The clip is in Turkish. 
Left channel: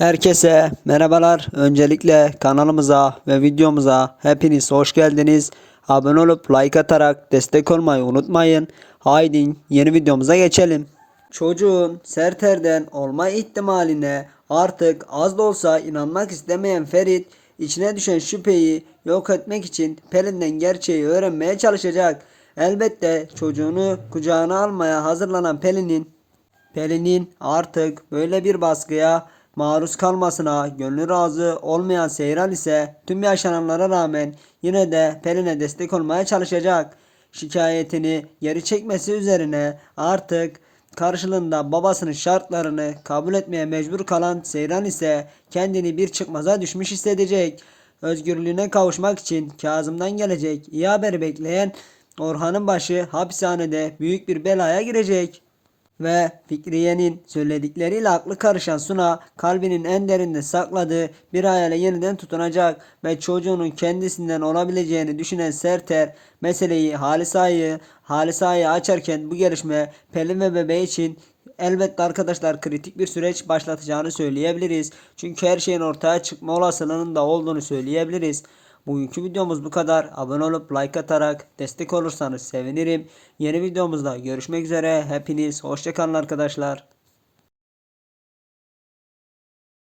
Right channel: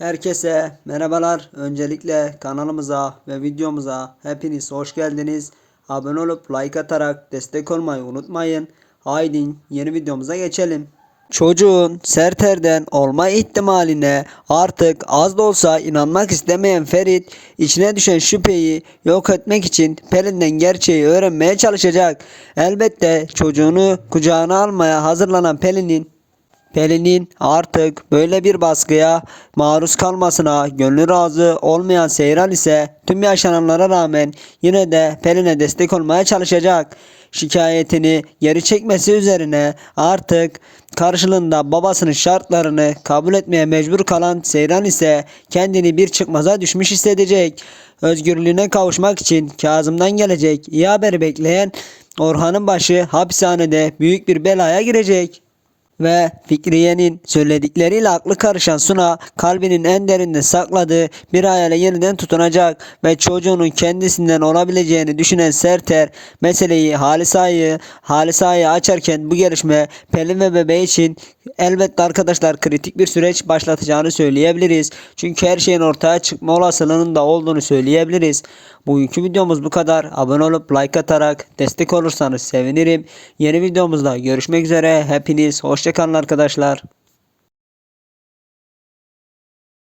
Herkese merhabalar. Öncelikle kanalımıza ve videomuza hepiniz hoş geldiniz. Abone olup like atarak destek olmayı unutmayın. Haydi yeni videomuza geçelim. Çocuğun Serter'den olma ihtimaline artık az da olsa inanmak istemeyen Ferit içine düşen şüpheyi yok etmek için Pelin'den gerçeği öğrenmeye çalışacak. Elbette çocuğunu kucağına almaya hazırlanan Pelin'in Pelin'in artık böyle bir baskıya maruz kalmasına gönlü razı olmayan Seyran ise tüm yaşananlara rağmen yine de Pelin'e destek olmaya çalışacak. Şikayetini geri çekmesi üzerine artık karşılığında babasının şartlarını kabul etmeye mecbur kalan Seyran ise kendini bir çıkmaza düşmüş hissedecek. Özgürlüğüne kavuşmak için Kazım'dan gelecek iyi haberi bekleyen Orhan'ın başı hapishanede büyük bir belaya girecek. Ve Fikriye'nin söyledikleriyle aklı karışan Suna kalbinin en derinde sakladığı bir hayale yeniden tutunacak ve çocuğunun kendisinden olabileceğini düşünen Serter meseleyi Halisa'yı Halisa'yı açarken bu gelişme Pelin ve bebeği için elbette arkadaşlar kritik bir süreç başlatacağını söyleyebiliriz. Çünkü her şeyin ortaya çıkma olasılığının da olduğunu söyleyebiliriz. Bugünkü videomuz bu kadar. Abone olup like atarak destek olursanız sevinirim. Yeni videomuzda görüşmek üzere. Hepiniz hoşçakalın arkadaşlar.